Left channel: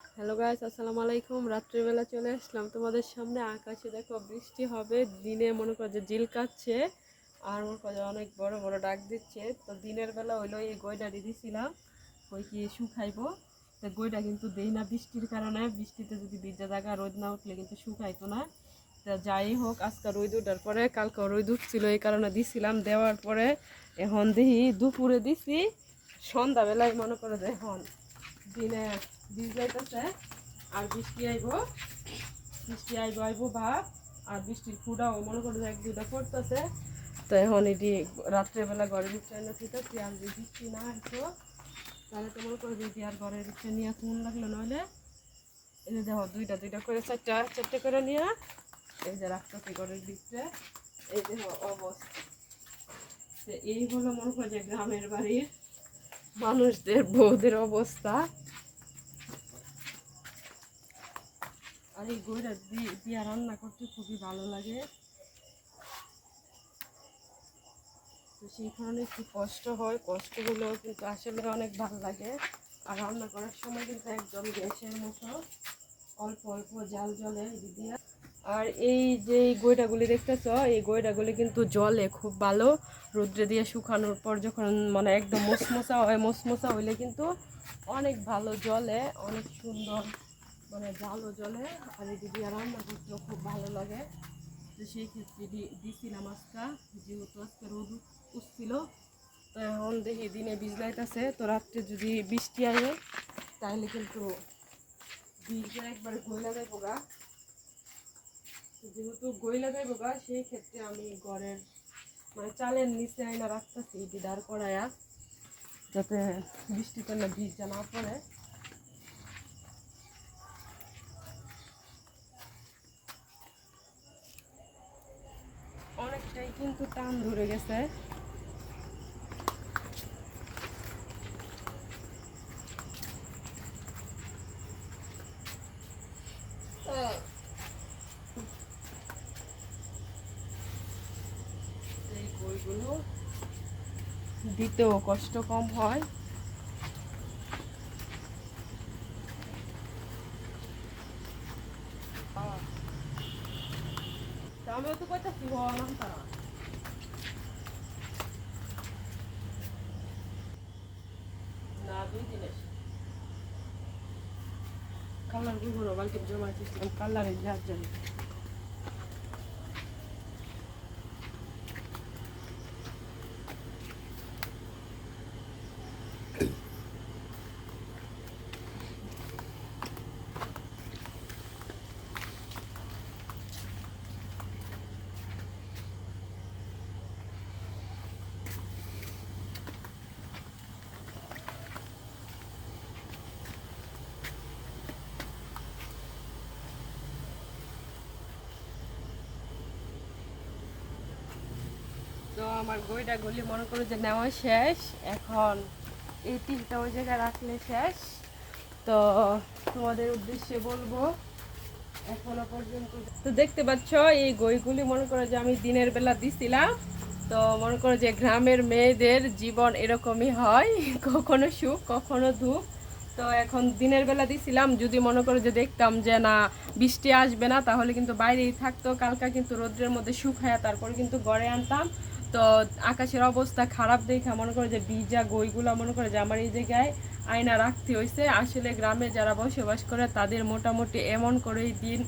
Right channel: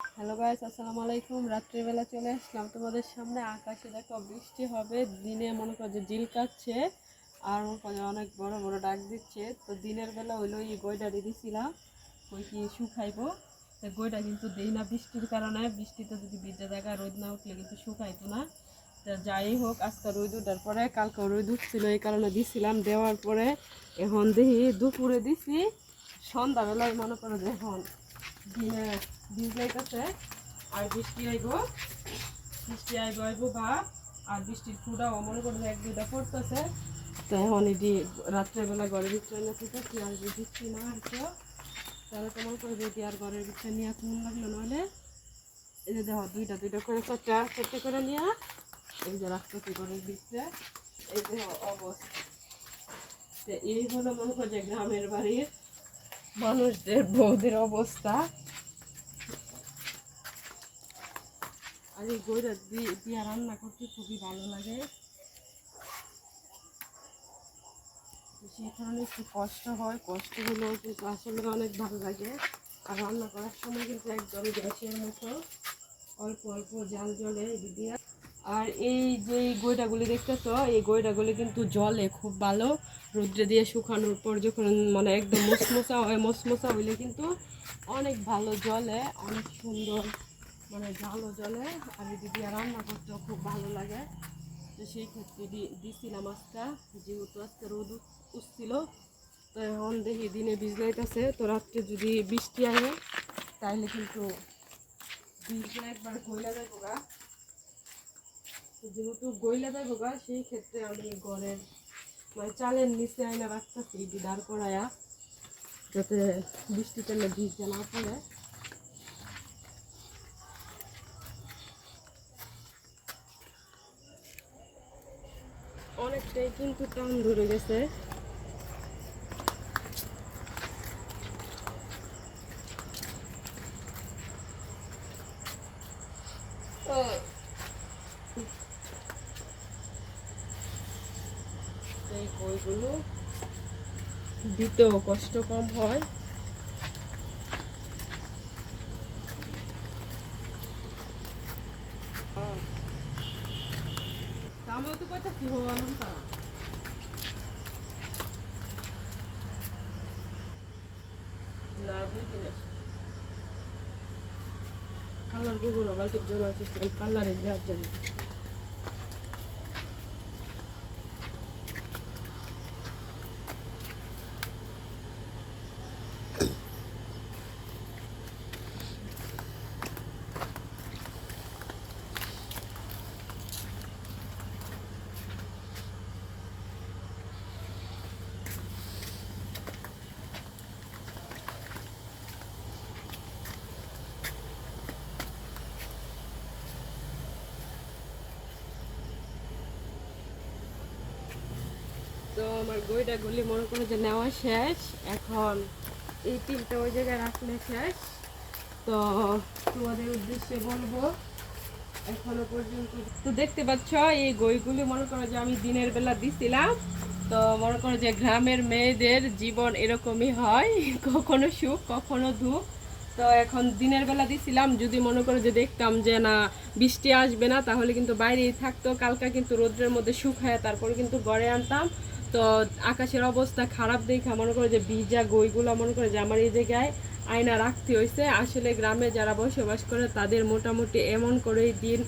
Hello guys, আসসালামু আলাইকুম। রাত্রিবেলা চলে আসলাম তোমাদের সামনে। আকাশে দেখো বৃষ্টি হবে, দিনে মনে করো যে ঝিলকাচ্ছে আর মনে করো অনেক বড় বড় ডাক দিচ্ছে। তো দিনের বেলা হইলো এই গইটা দিয়ে দিছিলাম, ওই কি শুকাইবো। তো গইটা কিন্তু দেই না বৃষ্টির কারণে, বৃষ্টিতে যদি ভিজা জায়গা রোদ না উঠলে কিন্তু শুকাইতো না। তো যাই হোক, আজকে রোদ উঠার পরে কালকে রোদ উঠছিল, এই কারণে দিছিলাম। দেওয়ার পরে এখন দেখি দুপুরে দিছি, সন্ধ্যাবেলায় মনে করো যে এখন দিনে বীজ যাইতেছে আর বৃষ্টি আইব ভাব। আর বৃষ্টির ফুটাও মনে করো এক দুটা পড়তেছে। তো এখন এটি রাত্রেবেলা ঘরের ভিতরে না থাকতেছি, আর যদি বৃষ্টি না আসতো তাহলে তো মনে করো যদি আর ঘরের ভিতরে নিয়ে কোন লাগলো, নাহলে এই যে দেখো দুইটা দুইটা করে চারটে করে নিয়ে এই যে রাখতেছি ঘরের ভিতরে। এই যে অবস্থা, এই হলো মনে করো যে গ্রামের বাড়ির মানুষদের বউদের অবস্থা। আর এই গইটা দিয়া রান্না করতে খুবই ভালো লাগে, সেই কারণে একটু কষ্ট হয়, কষ্ট হলেও কিন্তু আসলে অনেক ভালো লাগে। আর রান্না করার সময় কিন্তু একদম গ্যাসের মতো অল্প অল্প জাল জলে দিয়ে। আর এই যে গইটাগুলি দেখতেছ, এই গইটাগুলি কিন্তু জলে খুব ভালো। রৌদ্রে দিয়ে শুকানোর পর যখন মানে একদম মশমশা হয়, মশমশা হইলে কিন্তু অনেক ভালো জলে, অনেক সুন্দর মানে জালও জলে। আর এই দিয়ে রান্না করতেও খুব ভালো লাগে। তো সেই ক্ষেত্রে দিছিলাম আজকে, যেহেতু আজকে রোদ উঠছিল। তো এখন দেখি দিনে ভিজলাইতেছে, তো রাত্রে যদি বৃষ্টি আসে তাহলে কিন্তু বীজটা একবার গইলা যাইব গা। যেহেতু গইলা যাইব গা, সেই ক্ষেত্রে আমি ঘরের মানে চালের নিচে আয়না রাখতেছি দাঁড় করায়া, যাতে বৃষ্টিতে ভিজটা না পড়ে। অনেকটাই কিন্তু টান ধরে গেছে। এই বইগুলো দিতেও কষ্ট কম হয়। তাহলে তো কথা কি হওয়া না দুই দিন কালার গুলো বালতির জমা কালারের যার জন্য। তো আমার গইটা গুলি মনে করো যে নেওয়া শেষ। এখন এই তিনটা ওই জায়গায় রাখলে শেষ। তো তোমাদের উদ্দেশ্যে বলবো, এখনো পর্যন্ত তো দেখতে পাচ্ছ এই গইগুলি মনে করো যে আমি দিনের বেলা দিছিলাম। তো মনে করো যে গ্রামের মেয়েদের জীবন এরকমই হয়, কখনো সুখ কখনো দুঃখ। তো এখন দিনের বেলা দিছিলাম, যদি মনে করো যে দেখতাম যে না বৃষ্টি আসবে না, তাহলে কিন্তু বাইরেই থাকতো। কালকে কিন্তু রোদ্রের মধ্যে শুকায় তারপর কিন্তু ঘরে আনতাম। তো আকাশের অবস্থা খারাপ দেখে মনে করো যে ভিজা গইগুলো মনে করো যে আমার এই জায়গায় আয়না রাখতে হয়েছে। আসলে গ্রামে যারা বসবাস করে তাদের মোটামুটি এমন করেই দিন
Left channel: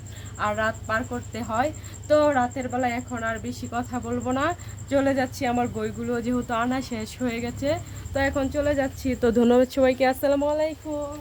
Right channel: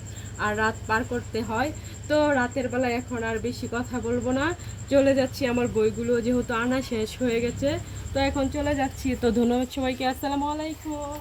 আর রাত পার করতে হয়। তো রাতের বেলা এখন আর বেশি কথা বলবো না, চলে যাচ্ছি। আমার বইগুলো যেহেতু আনা শেষ হয়ে গেছে, তো এখন চলে যাচ্ছি। তো ধন্যবাদ সবাইকে, আসসালামু আলাইকুম।